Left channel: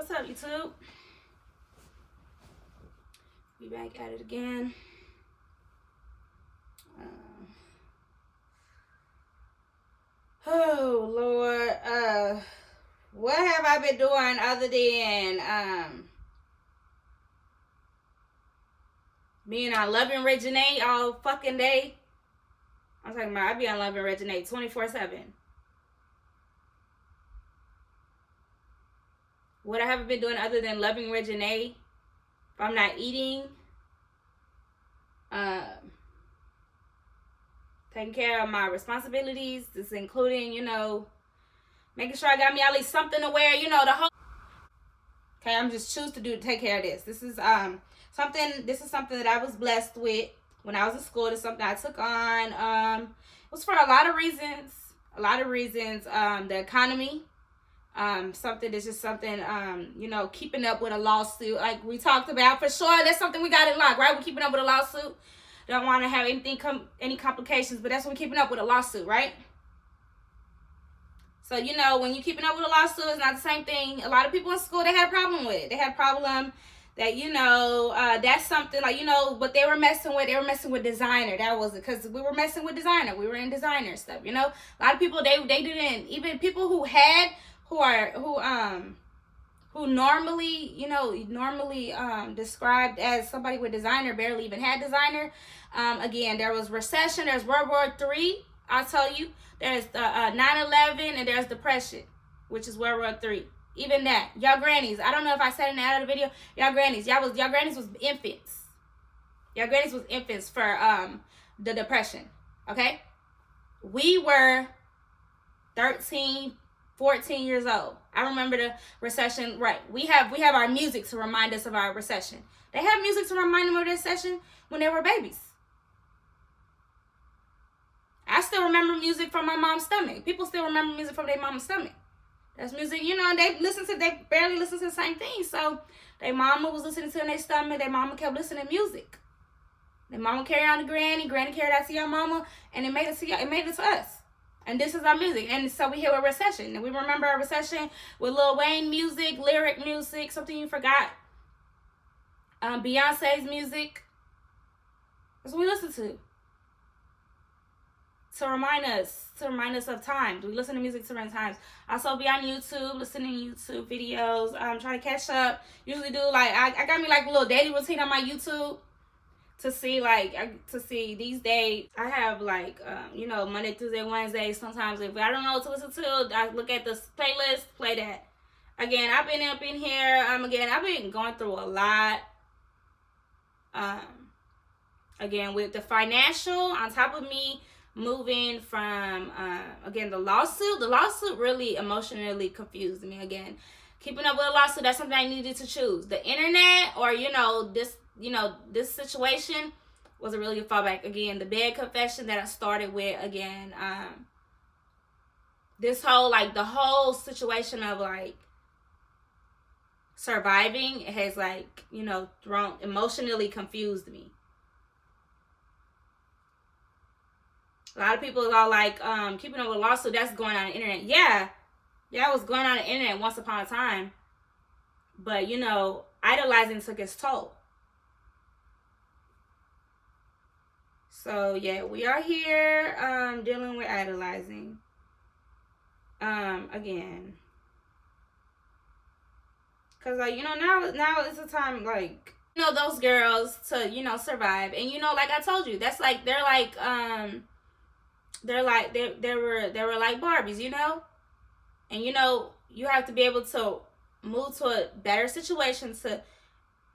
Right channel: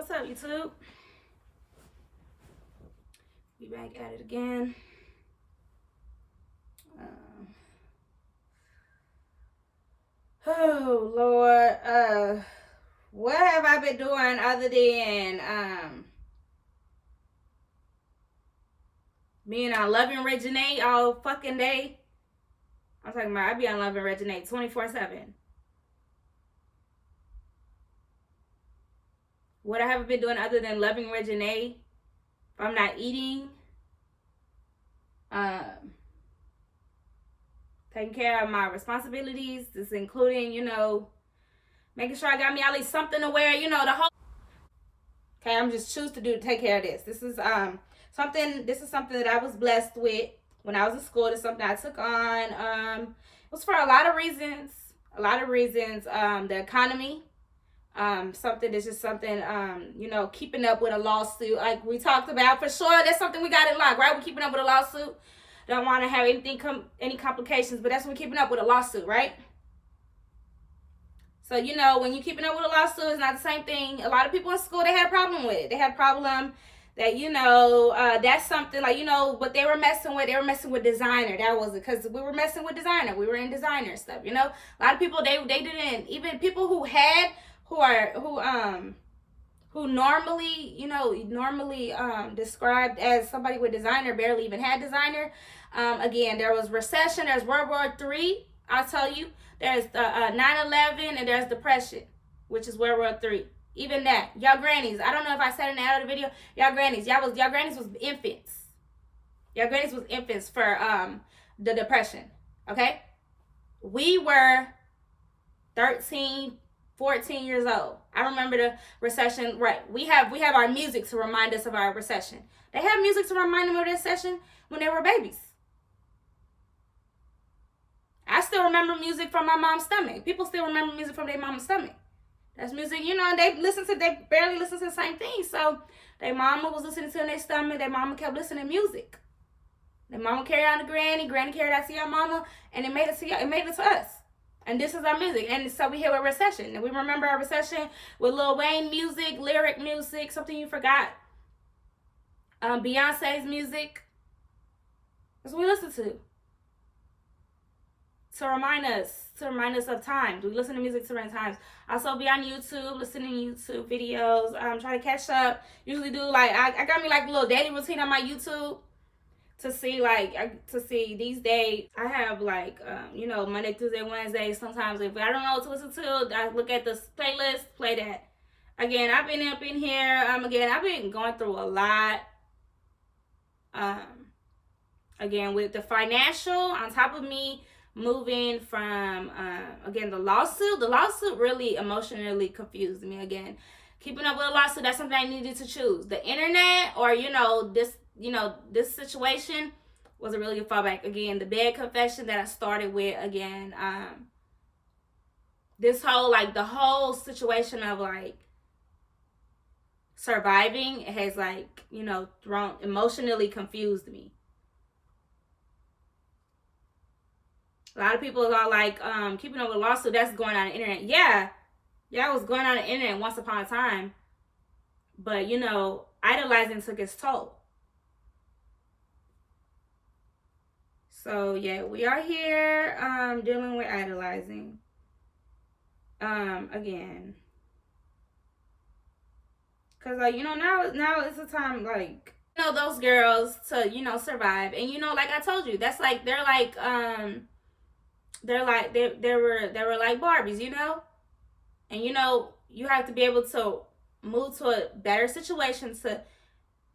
What's up, YouTube? Be back at it again. Oh Lord, what have I been doing other than being on lovingreginae all fucking day? I'm talking about I be on lovingreginae 24/7. What I haven't been doing other than lovingreginae, if I'm not eating, taking care of my responsibilities, this including, making sure I got me at least something to wear, the whole. Okay, I'm just choose to take care of this. This is something that I was blessed with when I was in school. It's something I took on. It was for a lot of reasons. The economy. Something that's just something, keeping up with a lawsuit, like we talked about, for sure. That's something we got in lock, right? We're keeping up with a lawsuit. Don't want to have any complications, but that's when we're keeping up with a lawsuit, right? So, when you're keeping up with a lawsuit, it's not the same thing. A lot of people in school, they had a problem with it. They had a problem that, that's something like, what they were messing with designer. That was it, because we were messing with designer. We were in designer stuff, A lot of people, they didn't, even people who normally described as somebody with designer barely even had designer. Again, there was recession, there's World War III, I'll tell you. There's 9/11, and there's depression, which is World War III. Even that, y'all grannies, I don't know if I said in the other video, y'all grannies was infants. Y'all grannies was infants for the depression. Okay, we were 13, 14 years old. I remember the recession, right? We have our music to remind us of our recession. They have music to remind them of their recession when they were babies. I still remember music from my mom's stomach. People still remember music from their mom's stomach. That's music, and they barely listen to the same thing. So their mama was listening to in their stomach. Their mama kept listening to music. Their mama carried on to granny carried on to your mama, and it made it to us. And this is our music. And so we hit a recession. And we remember our recession with Lil Wayne music, lyric music, something you forgot. Beyonce's music. That's what we listen to. To remind us of times. We listen to music to remind times. Also be on YouTube, listening to YouTube videos. Try to catch up. Usually do I got me a little daily routine on my YouTube. To see these days, I have Monday, Tuesday, Wednesday. Sometimes if I don't know what to listen to, I look at the playlist, play that. Again, I've been up in here. Again, I've been going through a lot. Again, with the financial, on top of me moving from, again, the lawsuit really emotionally confused me. Again, keeping up with a lawsuit, that's something I needed to choose. The internet or, this situation was a really good fallback. Again, the bed confession that I started with, again, this whole, the whole situation of, surviving has, emotionally confused me. A lot of people are keeping up with a lawsuit, that's going on the internet. Yeah, it was going on the internet once upon a time. But, idolizing took its toll. So, yeah, we are here dealing with idolizing. Again. Because, now it's a time, those girls to, survive. And, like I told you, that's they were like Barbies, And, you have to be able to move to a better situation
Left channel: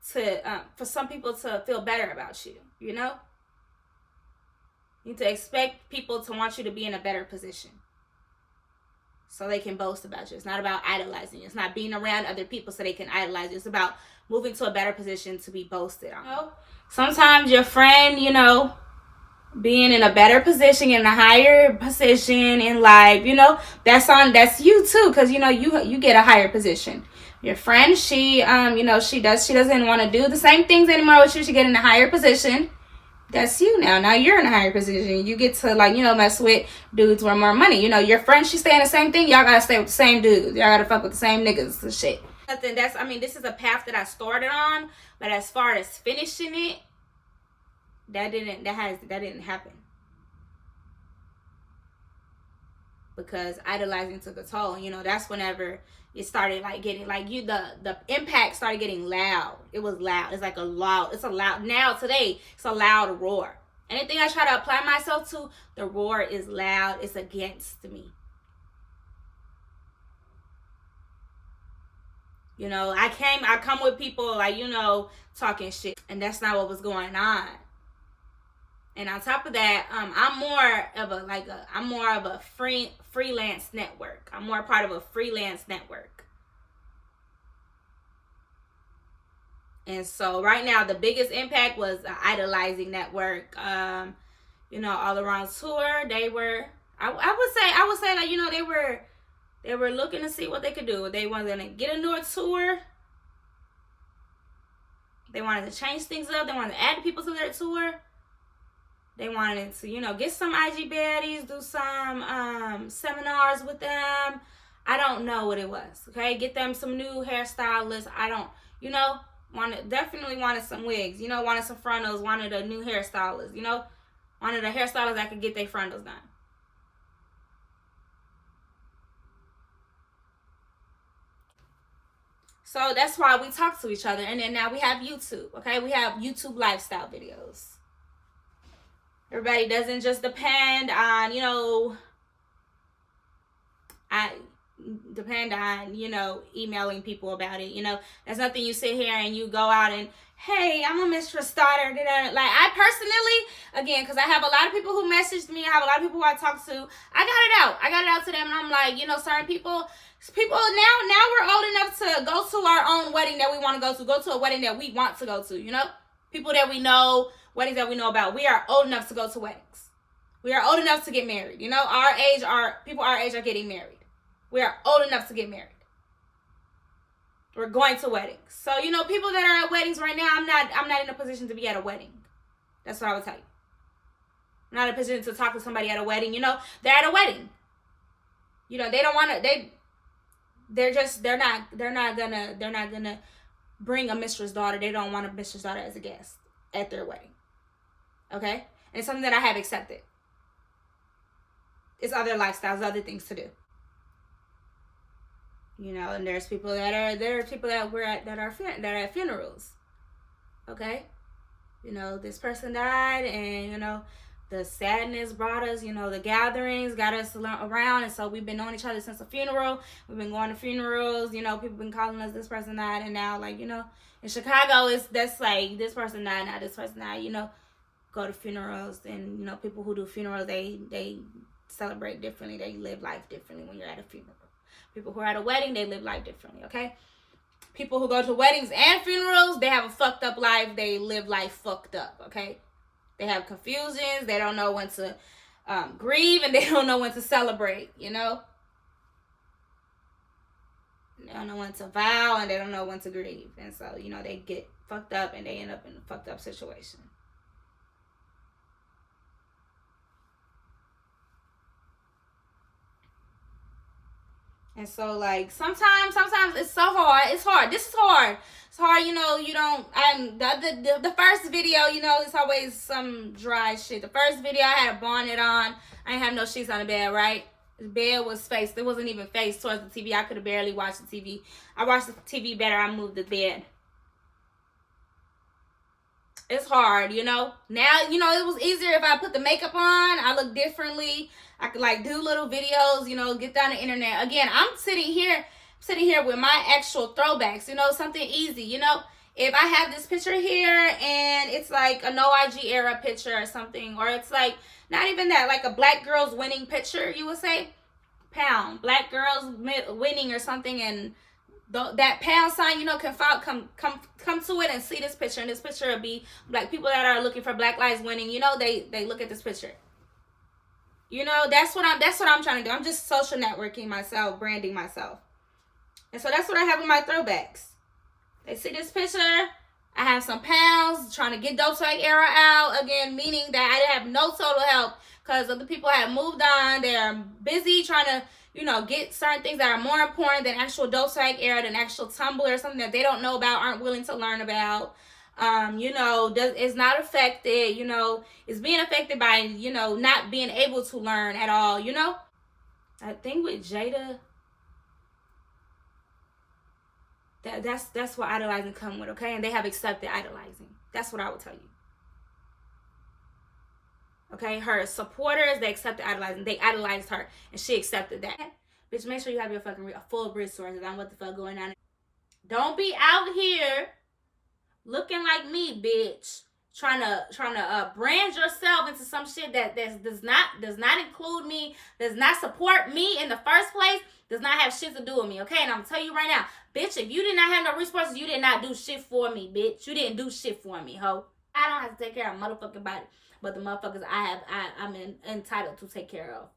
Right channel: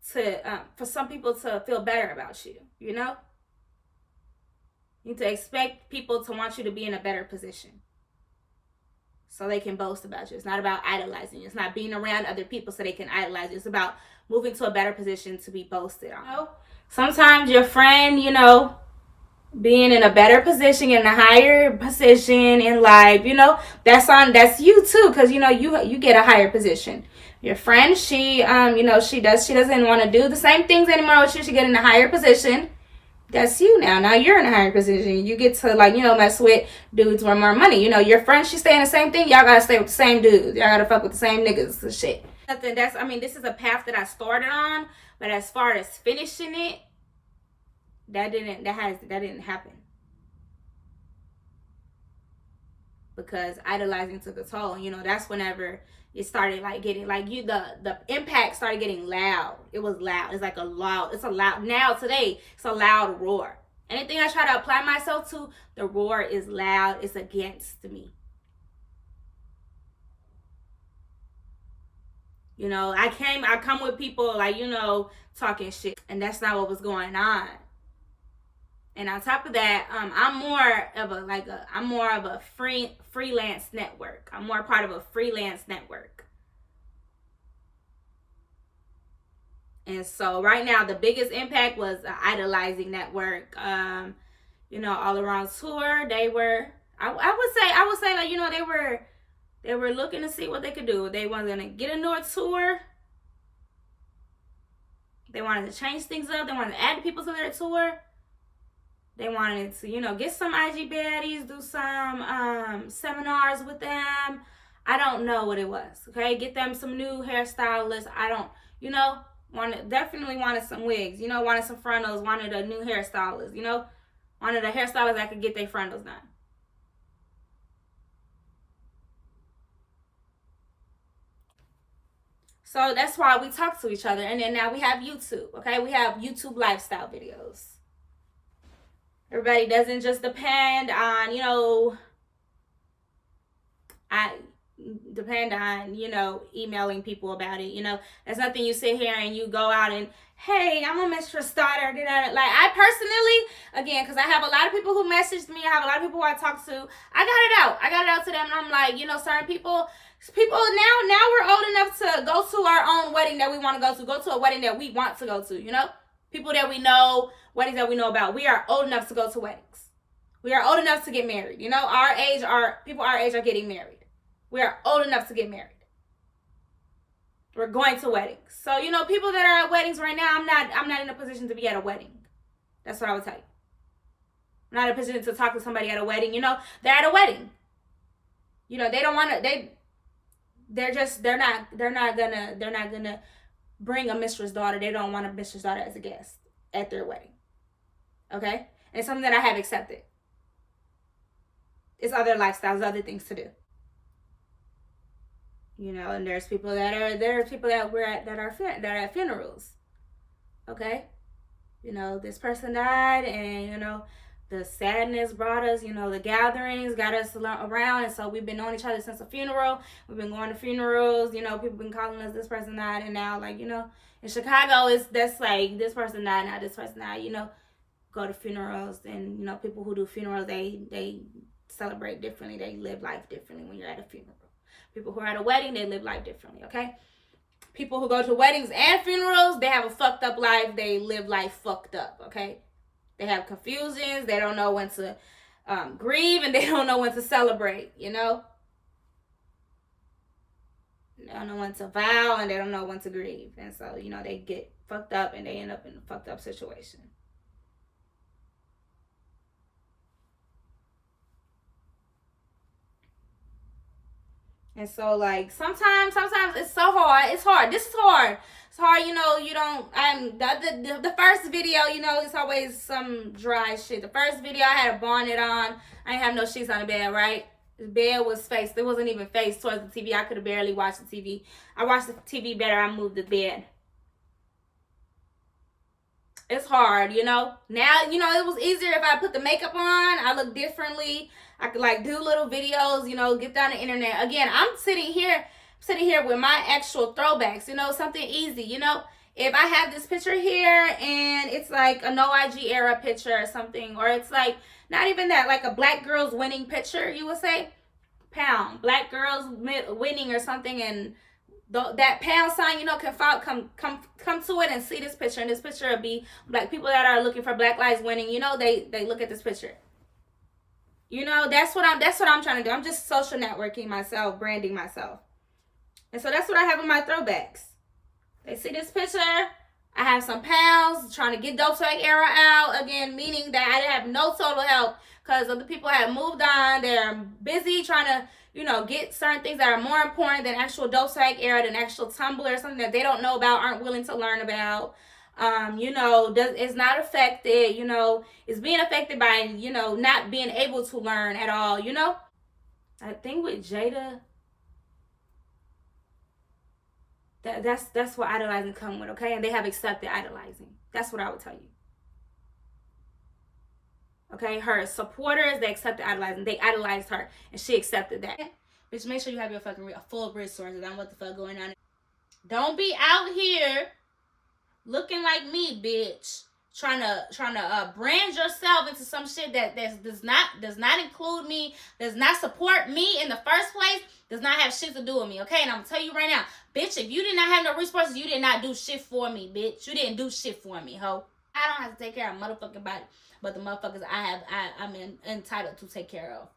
for some people to feel better about you, You need to expect people to want you to be in a better position so they can boast about you. It's not about idolizing you. It's not being around other people so they can idolize you. It's about moving to a better position to be boasted on. Sometimes your friend, being in a better position, in a higher position in life, that's you too, because you get a higher position. Your friend, she doesn't want to do the same things anymore with you. She get in a higher position. That's you now. Now you're in a higher position. You get to mess with dudes with more money. Your friend, she saying the same thing. Y'all gotta stay with the same dudes. Y'all gotta fuck with the same niggas and shit. Nothing. I mean, this is a path that I started on, but as far as finishing it, that didn't happen. Because idolizing took a toll. You know, that's whenever it started like getting like the impact started getting loud. It was loud. It's a loud now today, it's a loud roar. Anything I try to apply myself to, the roar is loud. It's against me. You know, I come with people like, you know, talking shit, and that's not what was going on. And on top of that, I'm more of a freelance network. I'm more part of a freelance network. And so right now, the biggest impact was idolizing network. You know, all around tour, they were. I would say like, you know, they were looking to see what they could do. They wanted to get into a tour. They wanted to change things up. They wanted to add people to their tour. They wanted to, you know, get some IG baddies, do some seminars with them. I don't know what it was. Okay, get them some new hairstylists. I don't, you know, definitely wanted some wigs. You know, wanted some frontals. Wanted a new hairstylist. You know, wanted a hairstylist that could get their frontals done. So that's why we talk to each other. And then now we have YouTube. Okay, we have YouTube lifestyle videos. Everybody doesn't just depend on, you know, you know, emailing people about it. You know, there's nothing you sit here and you go out and, hey, I'm a mistress daughter. Like, I personally, again, because I have a lot of people who messaged me. I have a lot of people who I talk to. I got it out to them. And I'm like, you know, certain people now we're old enough to go to our own wedding that we want to go to a wedding that we want to go to, you know, people that we know, weddings that we know about. We are old enough to go to weddings. We are old enough to get married. You know, people our age are getting married. We are old enough to get married. We're going to weddings. So, you know, people that are at weddings right now, I'm not in a position to be at a wedding. That's what I would tell you. I'm not in a position to talk to somebody at a wedding. You know, they're at a wedding. You know, they don't want to, they're not gonna bring a mistress daughter. They don't want a mistress daughter as a guest at their wedding. Okay? And it's something that I have accepted. It's other lifestyles, other things to do. You know, and there's people that are at funerals. Okay? You know, this person died, and you know, the sadness brought us, you know, the gatherings got us around, and so we've been knowing each other since the funeral. We've been going to funerals, you know, people been calling us this person died, and now, like, you know, in Chicago, that's like this person died, now this person died, you know, go to funerals, and, you know, people who do funerals, they celebrate differently, they live life differently when you're at a funeral. People who are at a wedding, they live life differently, okay? People who go to weddings and funerals, they have a fucked up life, they live life fucked up, okay? They have confusions. They don't know when to grieve, and they don't know when to celebrate, you know? They don't know when to vow, and they don't know when to grieve. And so, you know, they get fucked up, and they end up in a fucked up situation. And so, like, sometimes it's so hard. It's hard. This is hard. It's hard, you know, you don't, the first video, you know, it's always some dry shit. The first video, I had a bonnet on. I didn't have no sheets on the bed, right? The bed was faced. It wasn't even faced towards the TV. I could have barely watched the TV. I watched the TV better. I moved the bed. It's hard, you know. Now, you know, it was easier if I put the makeup on. I look differently. I could, like, do little videos, you know, get down the internet. Again, I'm sitting here with my actual throwbacks, you know, something easy, you know. If I have this picture here and it's like a no IG era picture or something, or it's like not even that, like a black girls winning picture, you would say, pound, black girls winning or something, and that pound sign, you know, can come to it and see this picture, and this picture will be black people that are looking for Black Lives Winning, you know, they look at this picture. You know, that's what I'm trying to do. I'm just social networking myself, branding myself. And so that's what I have in my throwbacks. They see this picture, I have some pounds trying to get dope swag era out again, meaning that I didn't have no total help because other people have moved on. They're busy trying to, get certain things that are more important than actual dope swag era, than actual Tumblr, something that they don't know about, aren't willing to learn about. It's not affected, it's being affected by, not being able to learn at all. I think with Jada, that's what idolizing come with, okay? And they have accepted idolizing. That's what I would tell you. Okay, her supporters, they accepted idolizing. They idolized her, and she accepted that. Bitch, make sure you have your fucking full resources on what the fuck going on. Don't be out here looking like me, bitch. Trying to brand yourself into some shit that does not include me, does not support me in the first place, does not have shit to do with me, okay? And I'm gonna tell you right now, bitch, if you did not have no resources, you did not do shit for me, bitch. You didn't do shit for me, ho. I don't have to take care of a motherfucking body, but the motherfuckers I'm entitled to take care of.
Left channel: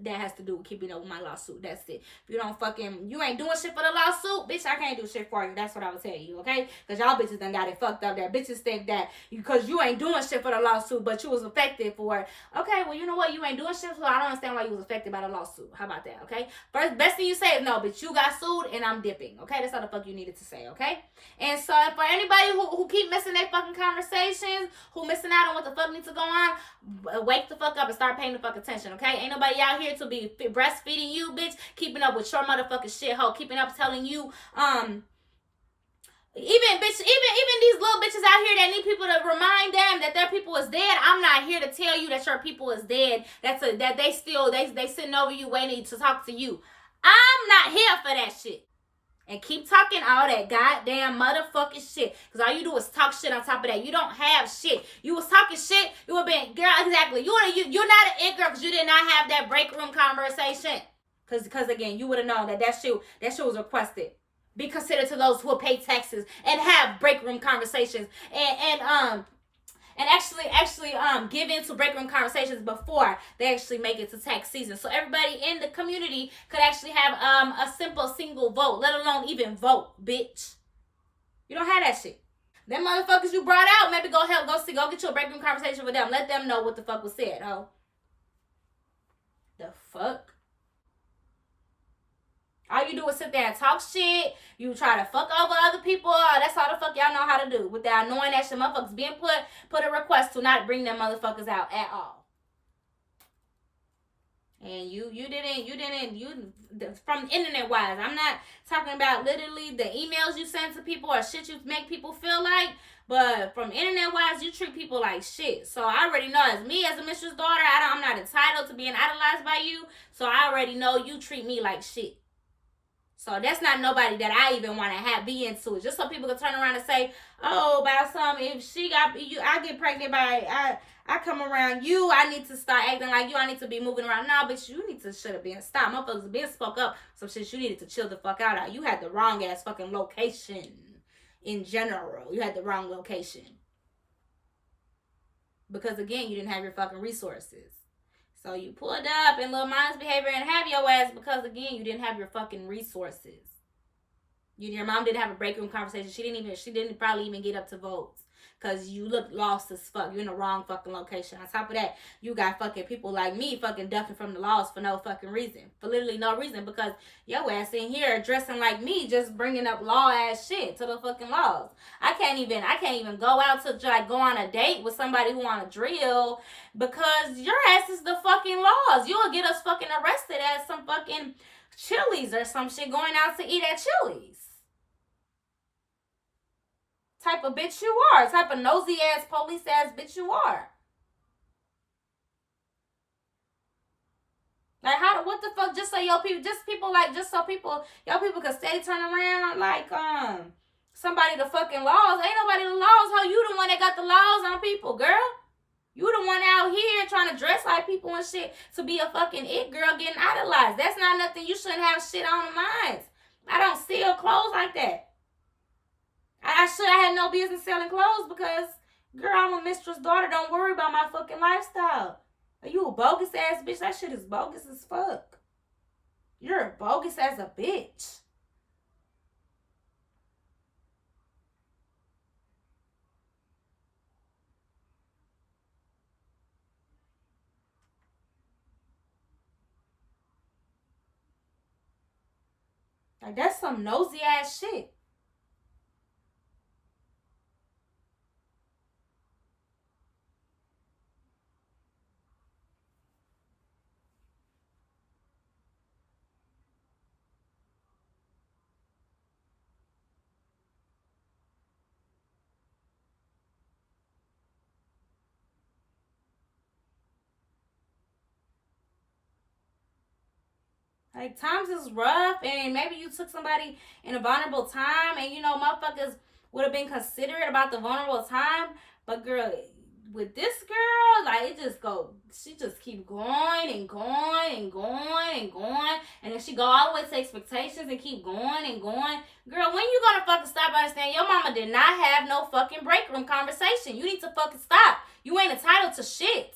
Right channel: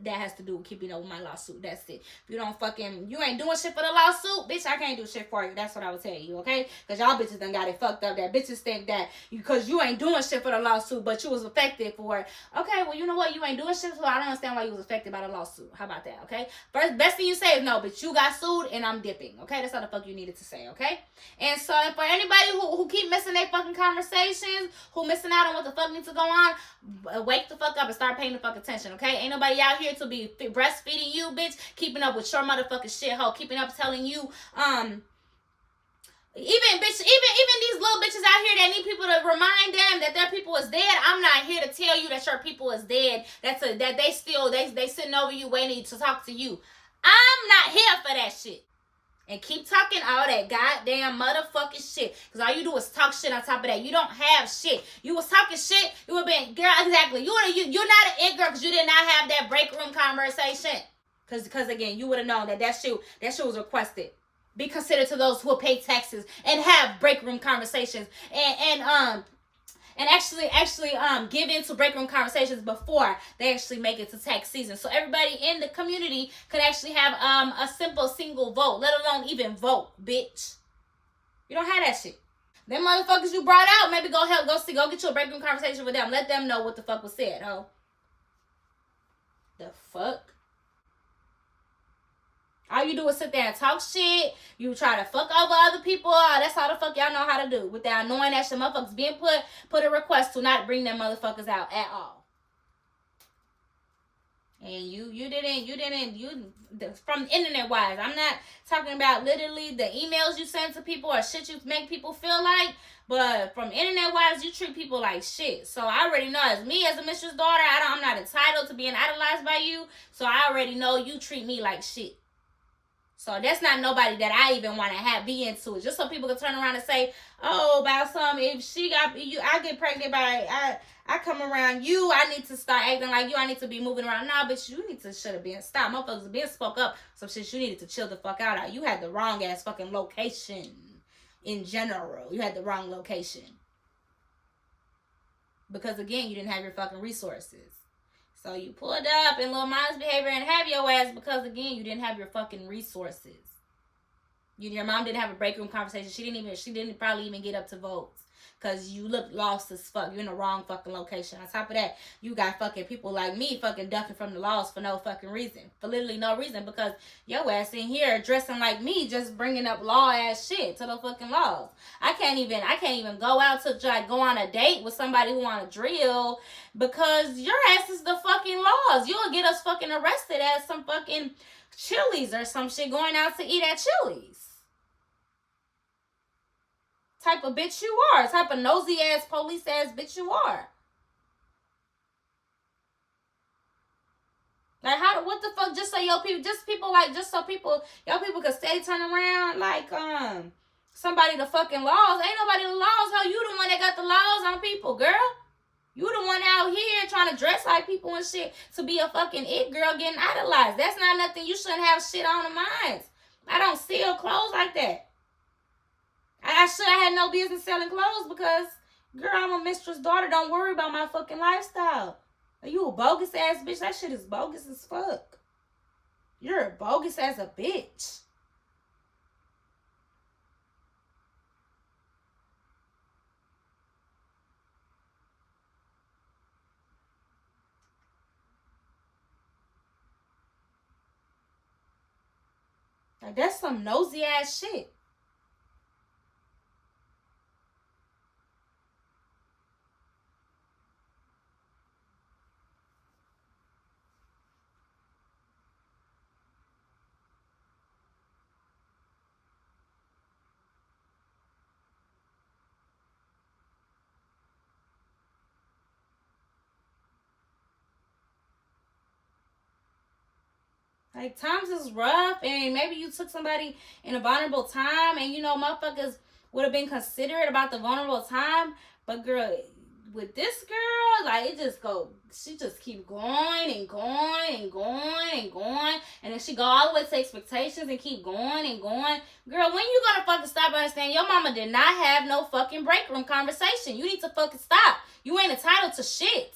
That has to do with keeping up with my lawsuit. That's it. If you ain't doing shit for the lawsuit, bitch, I can't do shit for you. That's what I would tell you, okay? Because y'all bitches done got it fucked up. That bitches think that because you ain't doing shit for the lawsuit, but you was affected for it. Okay, well, you know what? You ain't doing shit, so I don't understand why you was affected by the lawsuit. How about that, okay? Best thing you say is, no, bitch, you got sued and I'm dipping, okay? That's all the fuck you needed to say, okay? And so for anybody who keep missing their fucking conversations, who missing out on what the fuck needs to go on, wake the fuck up and start paying the fuck attention, okay? Ain't nobody out here to be breastfeeding you, bitch, keeping up with your motherfucking shithole, keeping up telling you, even these little bitches out here that need people to remind them that their people is dead. I'm not here to tell you that your people is dead. That they sitting over you waiting to talk to you. I'm not here for that shit. And keep talking all that goddamn motherfucking shit. Because all you do is talk shit on top of that. You don't have shit. You was talking shit. You would be, girl, exactly. You're not an it girl because you did not have that break room conversation. Because again, you would have known that shit was requested. Be considered to those who will pay taxes and have break room conversations. And actually give into break room conversations before they actually make it to tax season. So everybody in the community could actually have a simple single vote, let alone even vote, bitch. You don't have that shit. Them motherfuckers you brought out, maybe go get you a break room conversation with them. Let them know what the fuck was said, ho. The fuck? All you do is sit there and talk shit. You try to fuck over other people. That's all the fuck y'all know how to do. Without knowing that shit, motherfuckers being put a request to not bring them motherfuckers out at all. And you didn't from internet wise. I'm not talking about literally the emails you send to people or shit you make people feel like. But from internet wise, you treat people like shit. So I already know, as me as a mistress daughter, I'm not entitled to being idolized by you. So I already know you treat me like shit. So that's not nobody that I even want to be into it. Just so people can turn around and say, oh, about something, if she got you, I get pregnant by, I come around you, I need to start acting like you, I need to be moving around. Nah, bitch, you need to should have been stopped. Motherfuckers been spoke up. Some shit you needed to chill the fuck out. You had the wrong ass fucking location in general. You had the wrong location. Because again, you didn't have your fucking resources. So you pulled up in little mind's behavior and have your ass because, again, you didn't have your fucking resources. Your mom didn't have a break room conversation. She didn't probably even get up to votes because you look lost as fuck. You're in the wrong fucking location. On top of that, you got fucking people like me fucking ducking from the laws for no fucking reason. For literally no reason, because your ass in here dressing like me, just bringing up law ass shit to the fucking laws. I can't even go out to go on a date with somebody who want to drill because your ass is the fucking laws. You'll get us fucking arrested as some fucking Chili's or some shit going out to eat at Chili's. Type of bitch you are. Type of nosy ass police ass bitch you are. Like what the fuck? Just so y'all people could steady turn around like somebody the fucking laws. Ain't nobody the laws. How you the one that got the laws on people, girl? You the one out here trying to dress like people and shit to be a fucking it girl getting idolized. That's not nothing you shouldn't have shit on the minds. I don't steal clothes like that. I had no business selling clothes because, girl, I'm a mistress daughter. Don't worry about my fucking lifestyle. Are you a bogus ass bitch? That shit is bogus as fuck. You're bogus as a bitch. Like, that's some nosy ass shit. Like, times is rough, and maybe you took somebody in a vulnerable time, and you know, motherfuckers would have been considerate about the vulnerable time. But girl, with this girl, like, it just go, she just keep going and going and going and going, and then she go all the way to expectations and keep going and going. Girl, when you gonna fucking stop understanding your mama did not have no fucking break room conversation? You need to fucking stop. You ain't entitled to shit.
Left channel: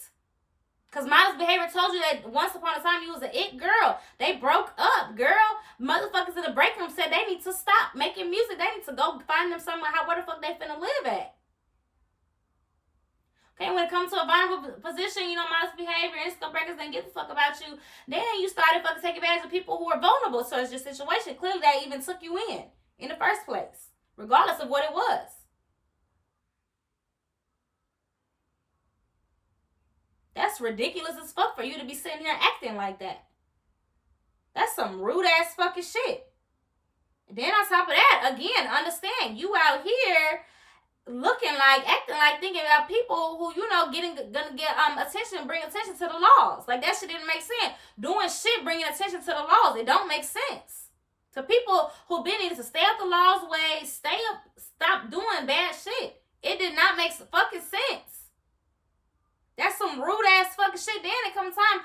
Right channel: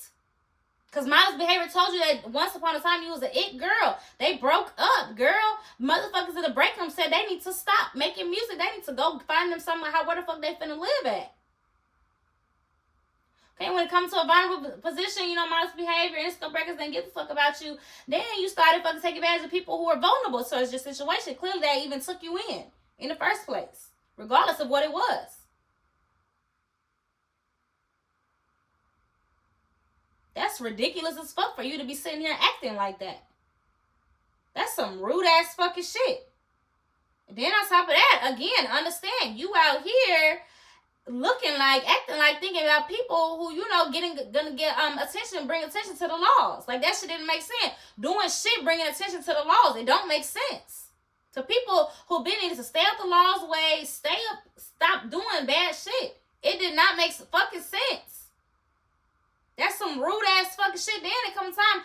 Because Modest Behavior told you that once upon a time you was an it girl. They broke up, girl. Motherfuckers in the break room said they need to stop making music. They need to go find them somewhere where the fuck they finna live at. Okay, when it comes to a vulnerable position, you know, Modest Behavior, Instagram breakers didn't give a fuck about you. Then you started fucking taking advantage of people who are vulnerable towards your situation. Clearly, they even took you in the first place, regardless of what it was. That's ridiculous as fuck for you to be sitting here acting like that. That's some rude ass fucking shit. And then on top of that, again, understand, you out here looking like, acting like, thinking about people who, you know, gonna get attention, bring attention to the laws. Like, that shit didn't make sense. Doing shit, bringing attention to the laws, it don't make sense. To people who been needing to stay out the law's way, stop doing bad shit. It did not make fucking sense. That's some rude ass fucking shit. Then it comes time,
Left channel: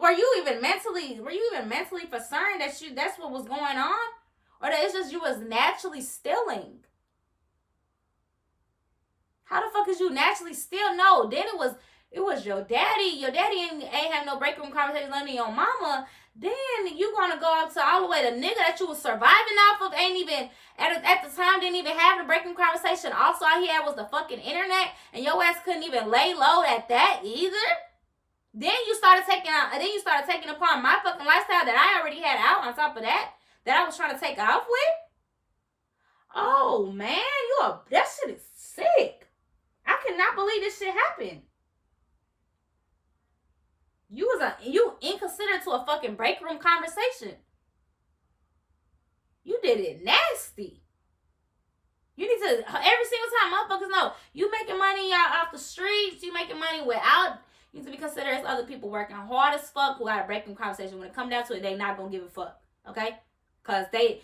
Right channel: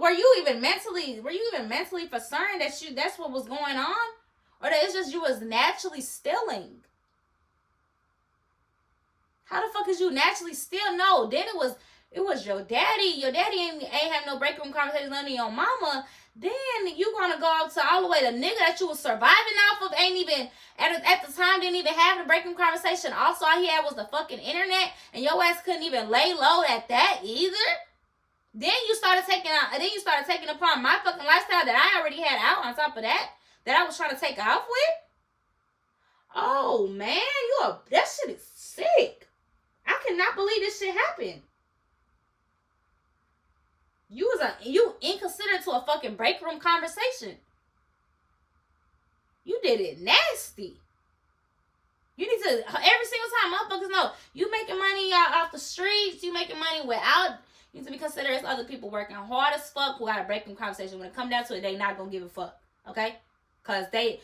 were you even mentally concerned that that's what was going on? Or that it's just you was naturally stealing? How the fuck is you naturally steal? No, then it was your daddy. Your daddy ain't have no break room conversations under your mama. Then you gonna go up to all the way the nigga that you was surviving off of ain't even at the time didn't even have the break room conversation. Also, all he had was the fucking internet, and your ass couldn't even lay low at that either. Then you started taking upon my fucking lifestyle that I already had out on top of that I was trying to take off with. Oh man, that shit is sick. I cannot believe this shit happened. You inconsiderate to a fucking break room conversation. You did it nasty. You need to, every single time, motherfuckers know, you making money off the streets, you making money without, you need to be considerate as other people working hard as fuck who got a break room conversation. When it come down to it, they not gonna give a fuck, okay? Cause they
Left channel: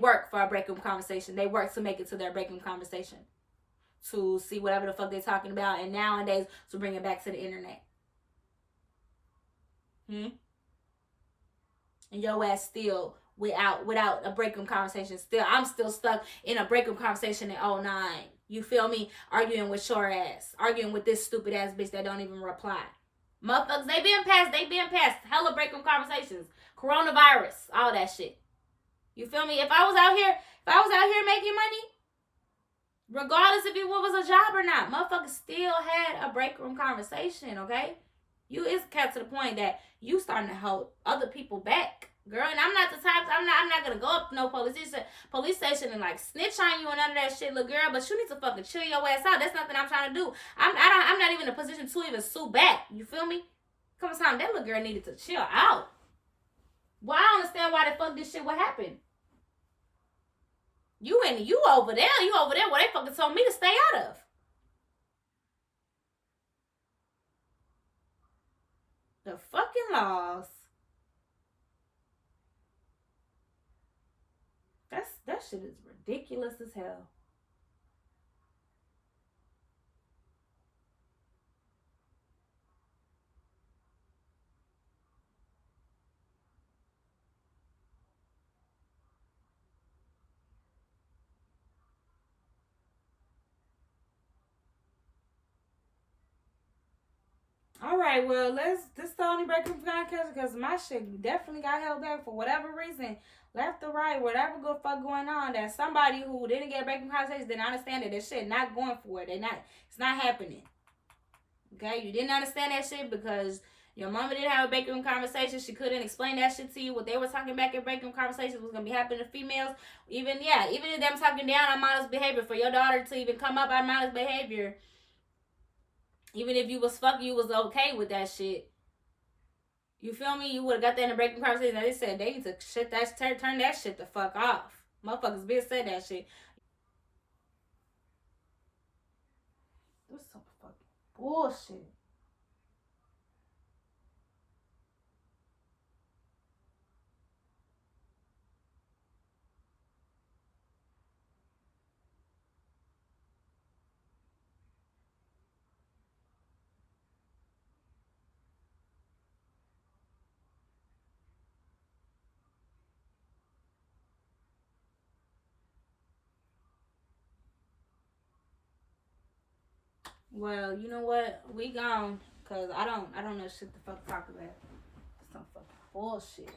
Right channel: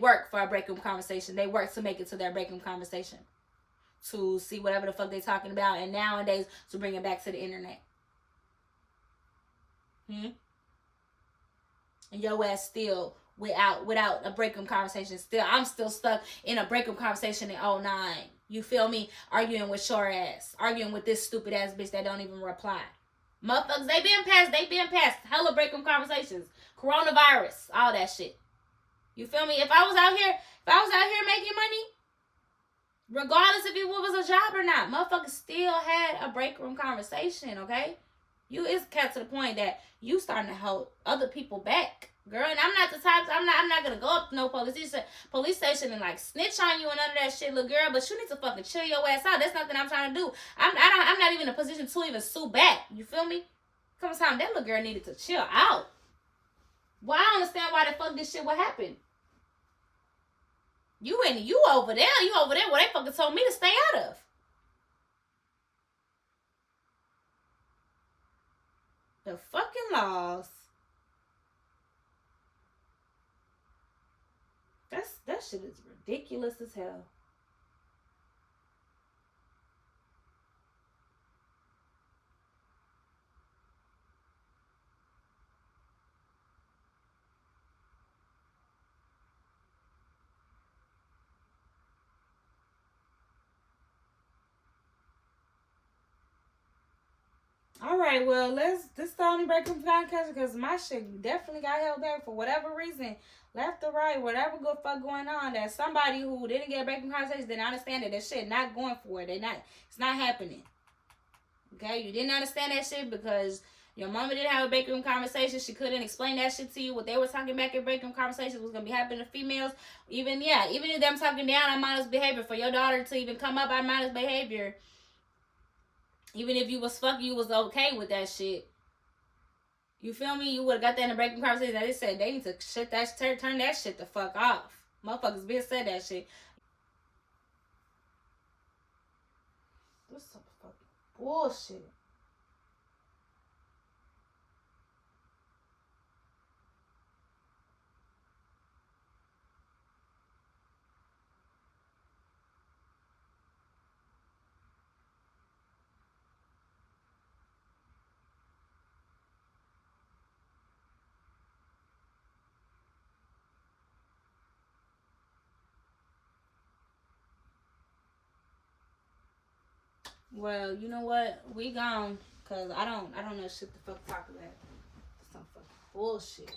work for a break room conversation. They work to make it to their break room conversation, to see whatever the fuck they talking about, and nowadays to bring it back to the internet. And your ass still without a break room conversation. I'm still stuck in a break room conversation in 09. You feel me? Arguing with your ass, arguing with this stupid ass bitch that don't even reply. Motherfuckers, they been past hella break room conversations, coronavirus, all that shit. You feel me? If I was out here making money, regardless if it was a job or not, motherfuckers still had a break room conversation, okay? It's kept to the point that you starting to hold other people back, girl. And I'm not the type, I'm not gonna go up to no police station and like snitch on you and none of that shit, little girl. But you need to fucking chill your ass out. That's nothing I'm trying to do. I'm not even in a position to even sue back. You feel me? Come on, time that little girl needed to chill out. Well, I don't understand why the fuck this shit would happen. You over there where they fucking told me to stay out of. The fucking laws. That shit is ridiculous as hell. All right, well, this is the only break room podcast because my shit definitely got held back for whatever reason, left or right, whatever good fuck going on. That somebody who didn't get a break room conversation didn't understand that shit not going for it. It's not happening. Okay, you didn't understand that shit because Your mama didn't have a break room conversation. She couldn't explain that shit to you. What they were talking back in break room conversations was gonna be happening to females. Even if them talking down on modest behavior, for your daughter to even come up on modest behavior, even if you was fucking, you was okay with that shit. You feel me? You would have got that in the break room conversation. They said they need to turn that shit the fuck off. Motherfuckers been said that shit. This some fucking bullshit. Well, you know what? We gone. Cause I don't know shit the fuck talk about. Some fucking bullshit.